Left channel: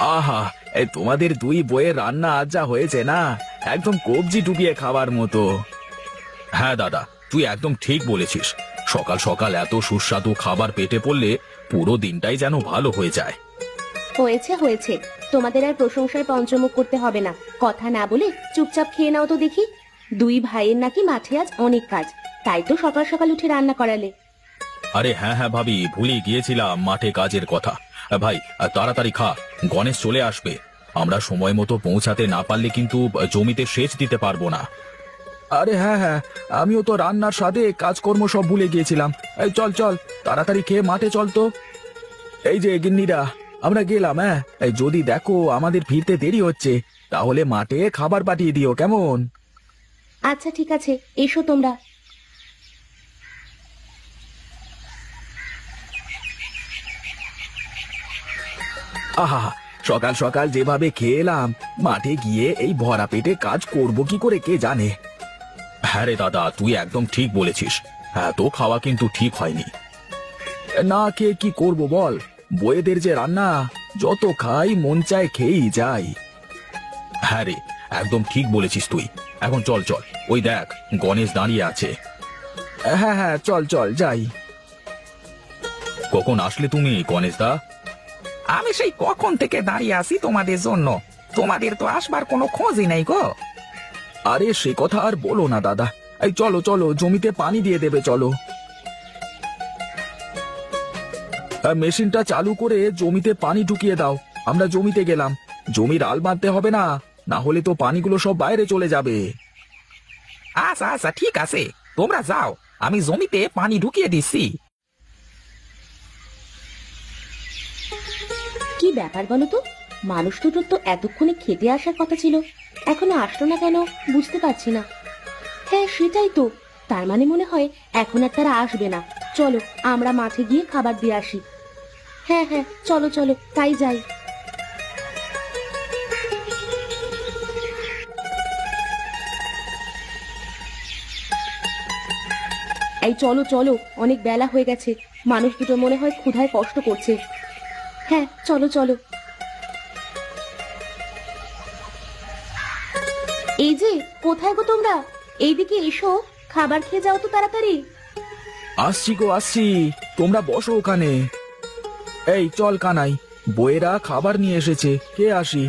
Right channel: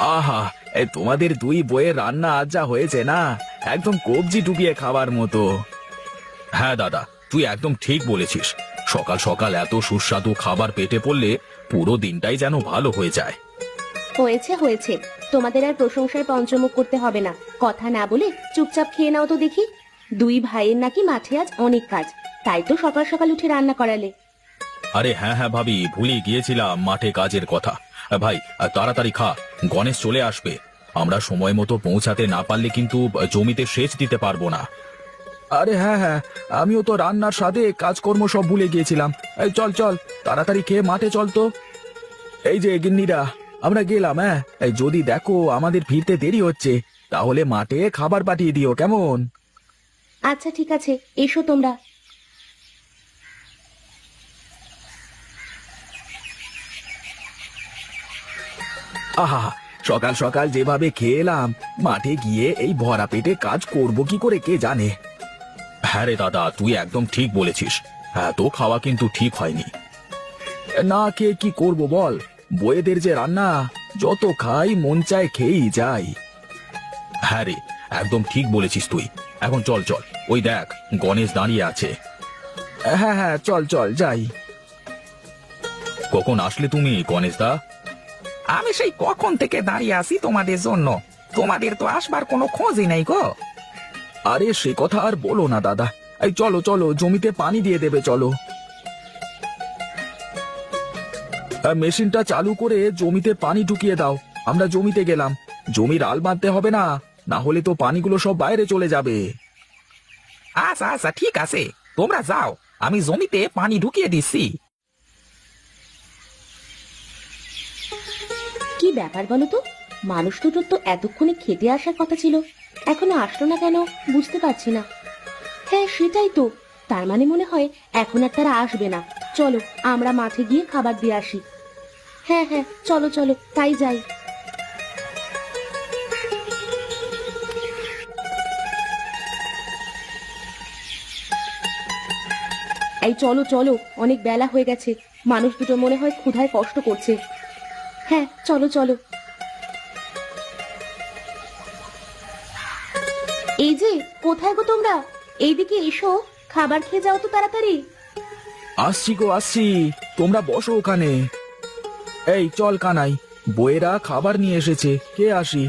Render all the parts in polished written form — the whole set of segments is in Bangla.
আহা, এই তোমাদের দুই বইয়ের রান্না আজ যা হয়েছে না, একদম কবজি ডুবিয়ে খাবার মতো। হ্যাঁ দাদা, তুই একদম ঠিক বলেছিস। সকাল সকাল এত সুস্বাদু খাবার পেটে পড়লে পুরো দিনটাই যেন ভালো হয়ে যায়। হয়েছে হয়েছে, তোমাদের আর প্রশংসায় পঞ্চমুখ করতে হবে না। কথা না বলে চুপচাপ খেয়ে নাও তো দেখি। দুই ভাইয়ের নাকি মাঠে আজ অনেক কাজ, তাই তো সকাল সকাল উঠে রান্না করালে। আরে হ্যাঁ হ্যাঁ ভাবি, ভুলে গিয়েছিলাম মাঠে কাজের কথা। ভাই, তাড়াতাড়ি খা, গণেশ চলে আসবে। আমরা সময় মতো পৌঁছাতে না পারলে কিন্তু জমিতে সেচ দিতে পারবো না। আরে হ্যাঁ হ্যাঁ, আমিও তো রান্নার সাথে কাজকর্ম সব ভুলে গিয়েছিলাম। এই চল চল, তাড়াতাড়ি খেয়ে মাঠে চল তো। এই যে গিন্নিরা, আমরা গেলাম। হ্যাঁ, এই যদি দেখো আমাদের ফিরতে দেরি হচ্ছে, তাহলে মাঠে খাবার পাঠিয়ে দিও, কেমন? আচ্ছা ঠিক আছে, এসো তোমরা। আহা, সকাল সকাল যেভাবে খেলাম, মাঠে গিয়ে এই ভরা পেটে কাজ করব কি করে কে জানে। হ্যাঁ রে দাদা, তুই একদম ঠিক বলেছিস। এত খাওয়া কিন্তু ঠিক হয়নি। না খেয়ে কি করবো বল, বইয়েদের যে রান্না, যত খাই মন চায় খেয়েই যাই। হ্যাঁ রে, একদম ঠিক বলেছিস তুই। এখন চল চল, ওই দেখ গণেশ দাঁড়িয়ে আছে। হ্যাঁ হ্যাঁ, চল চল যাই। কখন আসলে তুমি গণেশ দা? আমি সেই কখন থেকে দাঁড়িয়ে আছি তোমাদের জন্য, তোমাদের তো আসবার কোনো খোঁজই নেই গো। আরে সে কথা আর বলো না দাদা। এই চলো চলো, জমিতে পানি দিয়ে দেবে, চলো। মেশিনটা চালু করে জমিতে পানি ঢুকিয়ে দাও। আমরা জমিতে গেলাম, জমির আল বাঁধতে হবে না, না হলে তো পানিগুলো সব বাইরে চলে যাবে। আচ্ছা আচ্ছা ঠিক আছে, তোমরা যাও, আমি জমিতে পানি ঢুকিয়ে দিচ্ছি। কি ব্যাপার বলো তো, মানুষ তো এতক্ষণে খেতে আসার কথা ছিল, এখনো আসলো না কেন বুঝতে পারছি না। হ্যাঁ সেটাই তো, তার মানে মনে হয় এখন আর তারা আসবে না। চলো আমরা মাঠে গিয়ে খাবার দিয়ে আসি। হ্যাঁ হ্যাঁ, চলো চলো তাই যাই। এই চলো চলো, অনেক বেলা হয়ে গেছে, মানুষ দুটো মনে হয় ক্ষুধায় কষ্ট করছে। হ্যাঁ চলো চলো। এই যে, কোথায় গো তোমরা? এইদিকে এসো, খাবার খেয়ে যাও তো তাড়াতাড়ি। আসছি গো আসছি, তোমরা বসো ওখানে। এই চল কানাই, বইয়েরা খাবার নিয়ে এসেছে, কে আসি।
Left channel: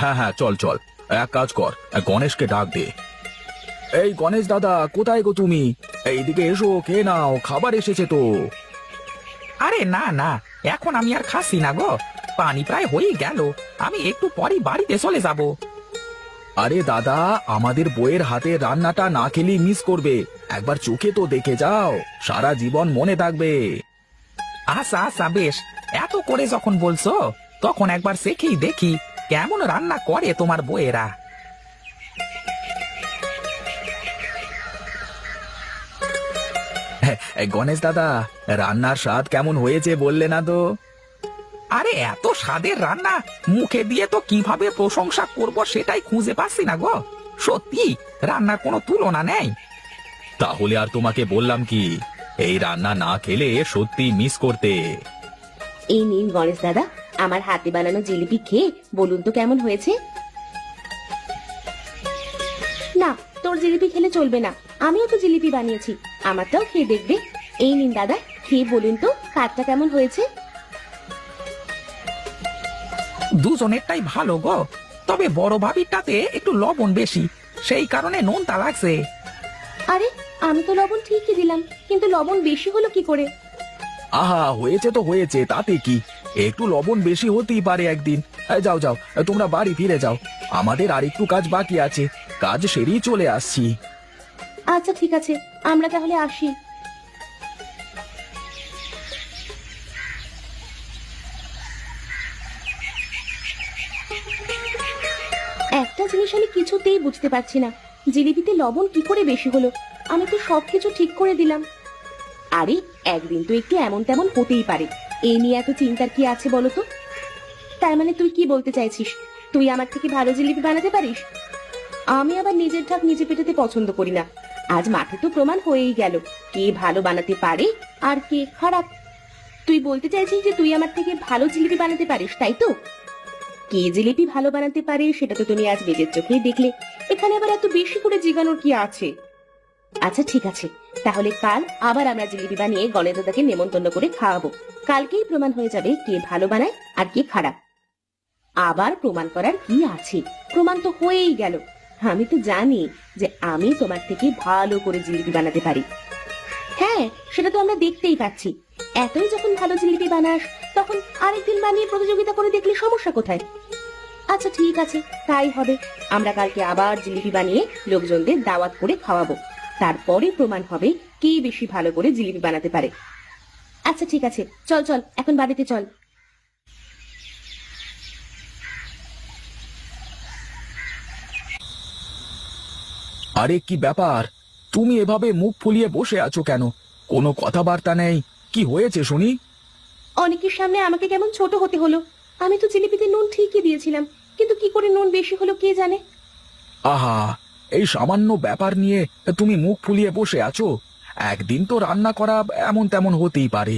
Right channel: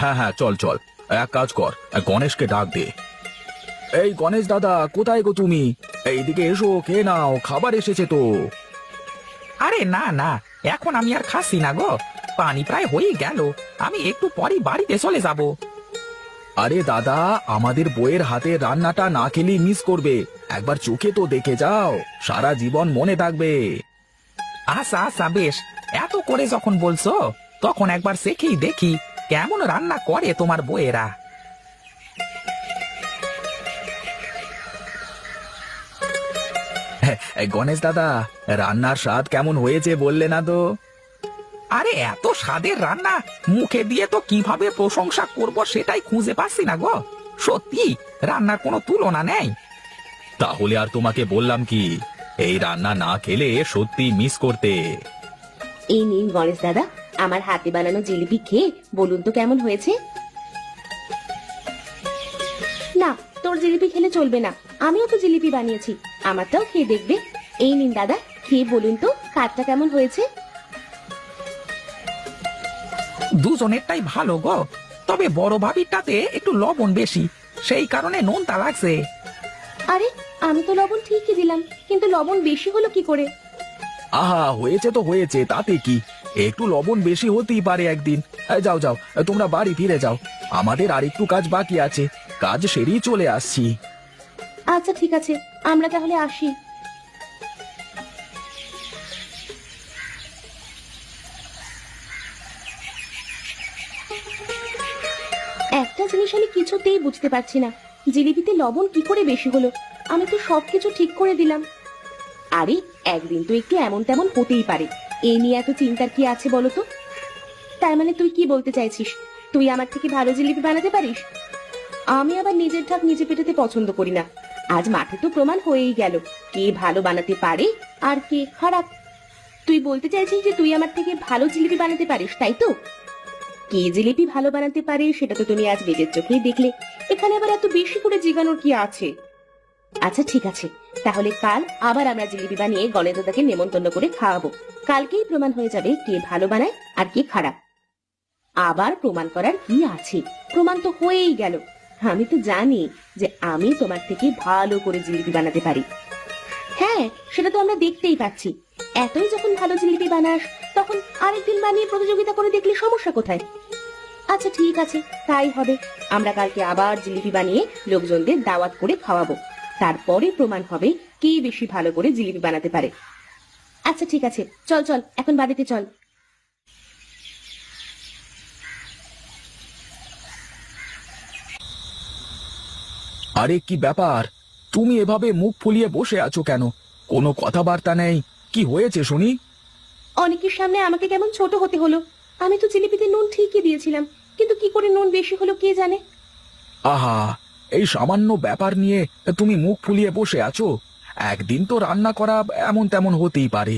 হ্যাঁ হ্যাঁ চল চল, এক কাজ কর, গণেশকে ডাকবে। এই গণেশ দাদা, কোথায় গো তুমি? এইদিকে এসো, কে নাও, খাবার এসেছে তো। আরে না না, এখন আমি আর খাচ্ছি না গো, পানি প্রায় হয়ে গেল, আমি একটু পরে বাড়িতে চলে যাব। আরে দাদা, আমাদের বইয়ের হাতে রান্নাটা না খেলেই মিস করবে, একবার চোখে তো দেখে যাও, সারা জীবন মনে থাকবে। আচ্ছা আচ্ছা বেশ, এত করে যখন বলছো, তখন একবার শেখেই দেখি কেমন রান্না করে তোমার বইয়েরা। এই গণেশ দাদা, রান্নার স্বাদ কেমন হয়েছে বললে না তো? আরে এত স্বাদের রান্না, মুখে দিয়ে তো কিভাবে প্রশংসা করব সেটাই খুঁজে পাচ্ছি না গো। সত্যি রান্নার কোনো তুলনা নেই। তাহলে আর তোমাকে বললাম কি, এই রান্না না খেলে সত্যি মিস করতে। এই নিন গণেশ দাদা, আমার হাতে বানানো জিলিপি খেয়ে বলুন তো কেমন হয়েছে। তোর জিলিপি খেলে চলবে না, আমিও তো জিলিপি বানিয়েছি, আমারটাও খেয়ে দেখবে। এই নিন দাদা, খেয়ে বলুন তো কাঠটা কেমন হয়েছে। দুজনেরটাই ভালো গো, তবে বড় ভাবিটাতে একটু লবণ বেশি, সেই কারণে নুনটা লাগছে। আরে আমি তো লবণ ঠিকই দিলাম, কিন্তু লবণ বেশি হলো কি করে? আহা, হয়েছে তো হয়েছে, তাতে কি, একটু লবণ বেশি হতেই পারে একদিন। এই যাও যাও, তোমরা বাড়ি ফিরে যাও, আমাদের আর একটু কাজ বাকি আছে, কাজ সেরেই চলে আসছি। আচ্ছা ঠিক আছে, আমরা তাহলে আসি। একটা জিনিস আমি কিছুতেই বুঝতে পারছি না, জিলিপিতে লবণ কি করে বেশি হলো? আমি তো সবকিছু ঠিক করে দিলাম। আরে একদিন তো একটু এমন তেমন হতেই পারে, এই নিয়ে এত চিন্তার কি আছে বলো তো? তার মানে তুই কি বলতে চাইছিস, তুই আমার থেকে ভালো জিলিপি বানাতে পারিস? আমি আবার নিজের ঢাক নিজে পেটাতে পছন্দ করি না। আজ মাঠে তো প্রমাণ হয়েই গেল কে ভালো বানাতে পারে আর কে খারাপ। তুই বলতে চাইছিস যে তুই আমার থেকে ভালো জিলিপি বানাতে পারিস, তাই তো? কে জিলিপি ভালো বানাতে পারে সেটা তো তুমি আজ নিজের চোখেই দেখলে। এখানে আবার এত বেশি করে জিগানোর কি আছে? আচ্ছা ঠিক আছে, তাহলে কাল আবার আমরা জিলিপি বানিয়ে গণেশ দাদাকে নিমন্ত্রণ করে খাওয়াবো। কালকেই প্রমাণ হয়ে যাবে কে ভালো বানায় আর কে খারাপ। আবার প্রমাণ করার কি আছে? প্রমাণ তো হয়েই গেল। আমি তো জানি যে আমি তোমার থেকে ভালো করে জিলিপি বানাতে পারি। হ্যাঁ, সেটা তো আমরা দেখতেই পাচ্ছি। এতই যখন ভালো জিলিপি বানাস, তখন আরেকদিন বানিয়ে প্রতিযোগিতা করে দেখলে সমস্যা কোথায়? আচ্ছা ঠিক আছে, তাই হবে। আমরা কালকে আবার জিলিপি বানিয়ে লোকজনদের দাওয়াত করে খাওয়াবো। তারপরে প্রমাণ হবে কে বেশি ভালো করে জিলিপি বানাতে পারে। আচ্ছা ঠিক আছে, চল চল এখন বাড়িতে চল। আরে কি ব্যাপার, তুমি এভাবে মুখ ফুলিয়ে বসে আছো কেন? কোনো কথাবার্তা নেই, কি হয়েছে শুনি? অনেকের সামনে আমাকে কেমন ছোট হতে হলো। আমি তো জিলিপিতে নুন ঠিকই দিয়েছিলাম, কিন্তু কি করে নুন বেশি হলো কে জানে। আহা, এই সামান্য ব্যাপার নিয়ে তুমি মুখ ফুলিয়ে বসে আছো? একদিন তো রান্না করা এমন তেমন হতেই পারে।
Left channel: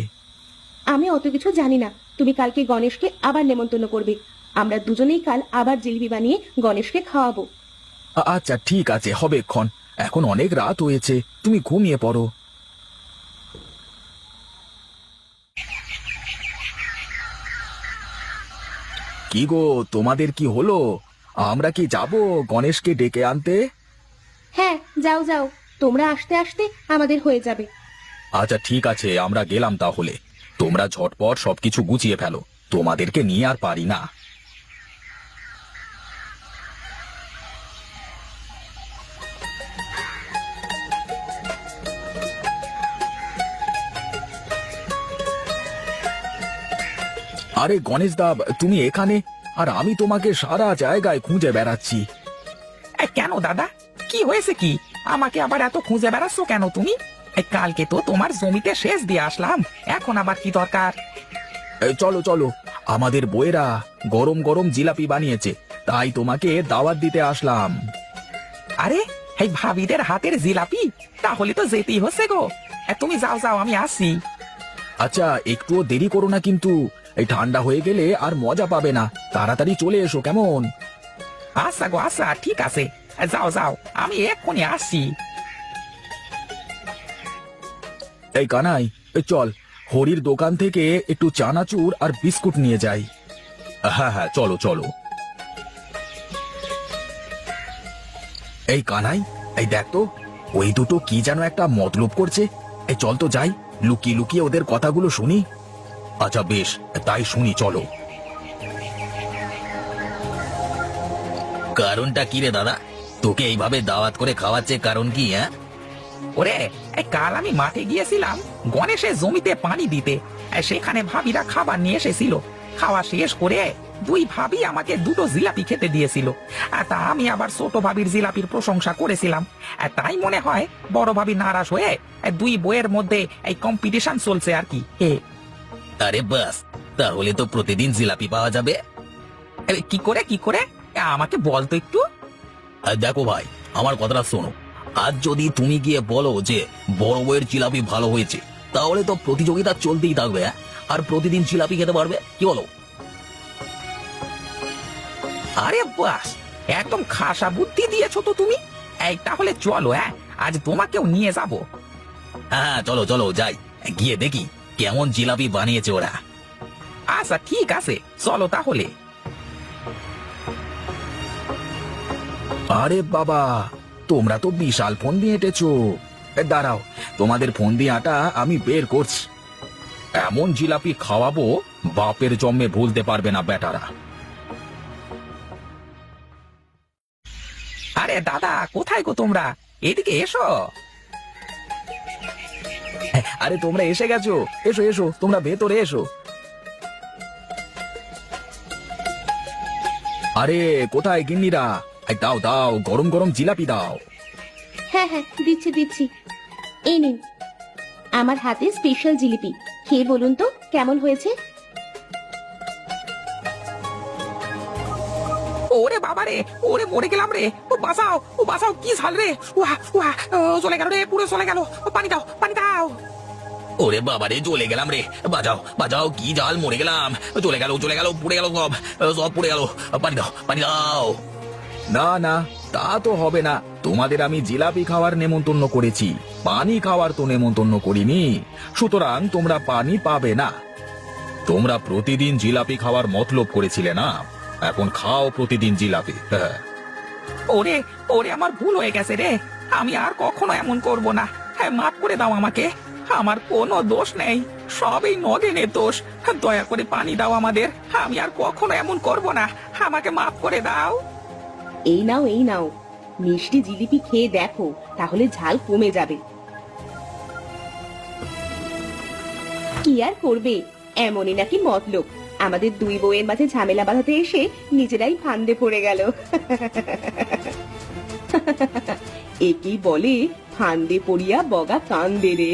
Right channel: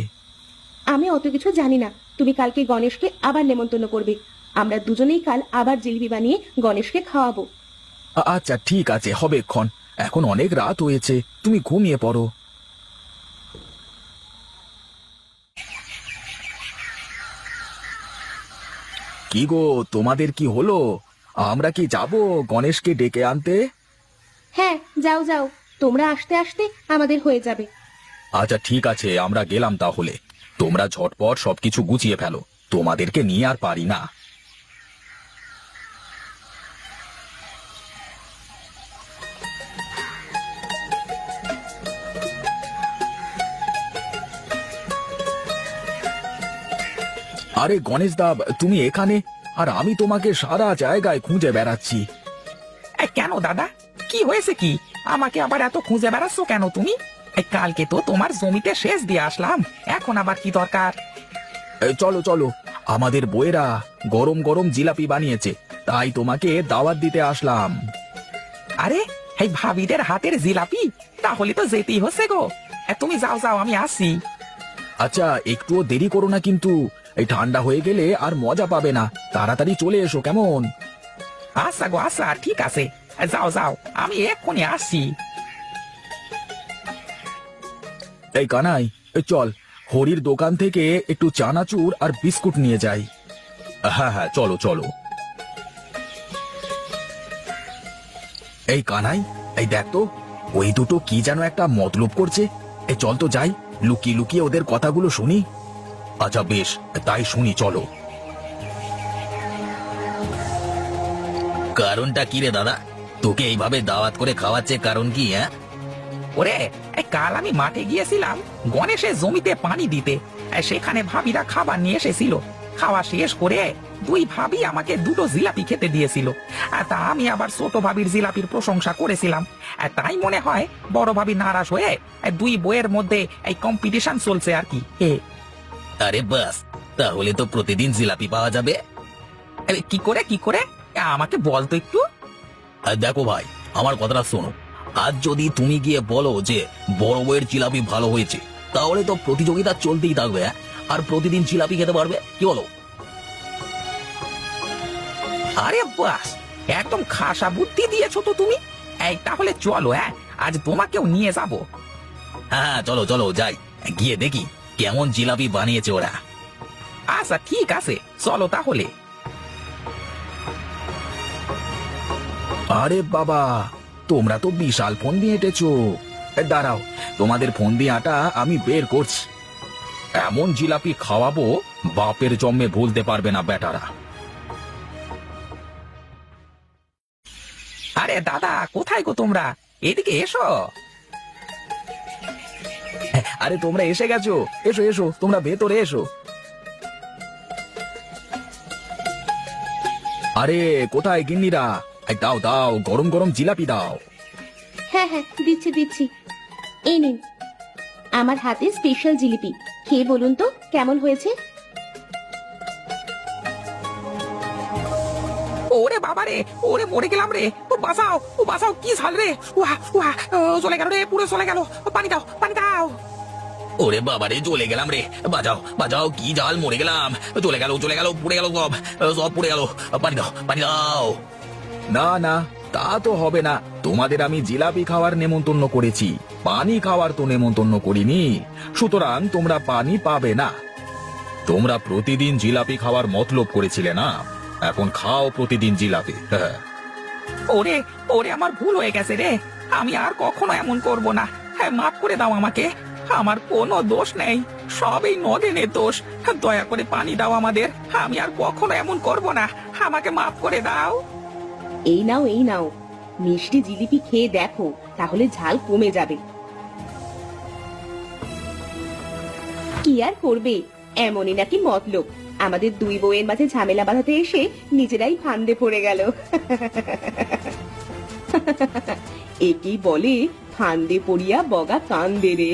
আমি অত কিছু জানি না। তুমি কালকে গণেশকে আবার নেমন্তন্ন করবে। আমরা দুজনেই কাল আবার জিলিপি বানিয়ে গণেশকে খাওয়াবো। আচ্ছা ঠিক আছে, হবে এক্ষণ। এখন অনেক রাত হয়েছে, তুমি ঘুমিয়ে পড়ো। কি গো, তোমাদের কি হলো? আমরা কি যাব গণেশকে ডেকে আনতে? হ্যাঁ যাও যাও, তোমরা আসতে আসতে আমাদের হয়ে যাবে। আচ্ছা ঠিক আছে, আমরা গেলাম তাহলে। তোমরা ঝটপট সবকিছু গুছিয়ে ফেলো, তোমাদেরকে নিয়ে আর পারি না। আরে গণেশ দা, তুমি এখানে? আর আমি তোমাকে সারা জায়গায় খুঁজে বেড়াচ্ছি। কেন দাদা, কি হয়েছে? কি আমাকে আবার এত খুঁজে বেড়াচ্ছ কেন তুমি? কালকে তো তোমার জমিতে সেচ দিয়ে আসলাম, এখন আবার কি দরকার? এই চলো চলো, আমাদের বইয়েরা গরম গরম জিলাপি বানিয়েছে, তাই তোমাকে দাওয়াত দিতে আসলাম। আরে, এই ভাবিদের হাতের জিলাপি, তাহলে তো যেতেই হচ্ছে গো। তুমি যাও যাও, আমি আসছি। আচ্ছা একটু দেরি করো না কিন্তু, এই ঠান্ডা হয়ে গেলে আর মজা পাবে না। তাড়াতাড়ি চলে এসো কেমন? আচ্ছা গো, আচ্ছা ঠিক আছে, যাও যাও, আমি এক্ষুনি আসছি। এই কানাই, এই চল, হরির দোকান থেকে একটু চানাচুর আর বিস্কুট নিয়ে যাই। হ্যাঁ হ্যাঁ, চলো চলো। এই কানাই, এই দেখ তো, ওই দুটো কি যেন একটা মতলব করছে। এই চল তো যাই, লুকিয়ে লুকিয়ে ওদের কথাগুলো শুনি। আচ্ছা বেশ, তাই শুনি, চলো। কারণটা কি রে দাদা? তোকে এইভাবে দাওয়াত করে খাওয়াচ্ছে কারণ কি? হ্যাঁ, ওরে, কাল আমি মাঠে গিয়েছিলাম গণেশের জমিতে পানি দিতে। সেখানে ভাবিরা খাবার নিয়ে এসেছিল। খাওয়া শেষ করে দুই ভাবি আমাকে দুটো জিলাপি খেতে দিয়েছিল। আর তা আমি আবার ছোট ভাবির জিলাপির প্রশংসা করেছিলাম। আর তাই মনে হয় বড় ভাবি নারাজ হয়ে দুই বইয়ের মধ্যে এই কম্পিটিশন চলছে আর কি। আরে বাস, তাহলে তো প্রতিদিন জিলাপি পাওয়া যাবে। কি করে কি করে আমাকে বলতো একটু। দেখো ভাই, আমার কথাটা শোনো। আজ যদি তুমি গিয়ে বলো যে বড় বইয়ের জিলাপি ভালো হয়েছে, তাহলে তো প্রতিযোগিতা চলতেই থাকবে, আর প্রতিদিন জিলাপি খেতে পারবে। কি বলো? আরে বাস, একদম খাসা বুদ্ধি দিয়েছো তো তুমি। তাহলে চলো, আজ তোমাকেও নিয়ে যাবো। হ্যাঁ চলো চলো যাই, গিয়ে দেখি কেমন জিলাপি বানিয়েছে ওরা। আচ্ছা ঠিক আছে, চলো তাহলে। আরে বাবা, তোমরা তো বিশাল ফোন দিয়ে এঁটেছো। দাঁড়াও, তোমাদের ফোন দিয়ে আটা আমি বের করছি। এমন জিলাপি খাওয়াবো, বাপের জন্মে ভুলতে পারবে না বেটারা। আরে দাদা, কোথায় গো তোমরা? এদিকে এসো। আরে তোমরা এসে গেছো, এসো এসো, তোমরা ভেতরে এসো। আরে কোথায় গিন্নিরা? দাও দাও, গরম গরম জিলাপি দাও। হ্যাঁ হ্যাঁ, দিচ্ছি দিচ্ছি। এই নিন আমার হাতে স্পেশাল জিলিপি, খেয়ে বলুন তো কেমন হয়েছে। ওরে বাবারে, ওরে মরে গেলাম রে। ও বাঁচাও, ও বাঁচাও, কি ঝাল রে। ও চলে গেল রে, পুরো চলে গেল। পানি দাও, পানি দাও। ওরে বাবা রে, চলে গেলাম রে, বাঁচাও বাঁচাও, কি জাল, মরে গেলাম, চলে গেল পুড়ে গেল, সব পুড়ে গেল, পানি দাও পানি দাও। না না, তা তো হবে না, তোমাদের আমি জিলাপি খাওয়ার নেমন্তন্ন করেছি, পানি খাওয়ার তো নেমন্তন্ন করিনি, সুতরাং তোমরা পানি পাবে না। তোমরা প্রতিদিন জিলাপি খাওয়ার মতলব করেছিলে না, এখন খাও প্রতিদিন জিলাপি। হ্যাঁ। ওরে ওরে, আমার ভুল হয়ে গেছে রে, আমি আর কখনো এমন করব না। হ্যাঁ, মাফ করে দাও আমাকে, আমার কোনো দোষ নেই, সব এই মদনের দোষ। দয়া করে পানি দাও আমাদের, আমি আর কখনো এমন করব না, আমাকে মাফ করে দাও। এই নাও এই নাও, মিষ্টি জিলিপি খেয়ে দেখো, তাহলে ঝাল কমে যাবে। কি আর করবে, এমনই নাকি মতলব, আমাদের দুই বউয়ের মাঝে ঝামেলা বাঁধাতে এসে নিজেরাই ফান্দে পড়ে গেল। একেই বলে ফান্দে পড়িয়া বগা কান্দে রে।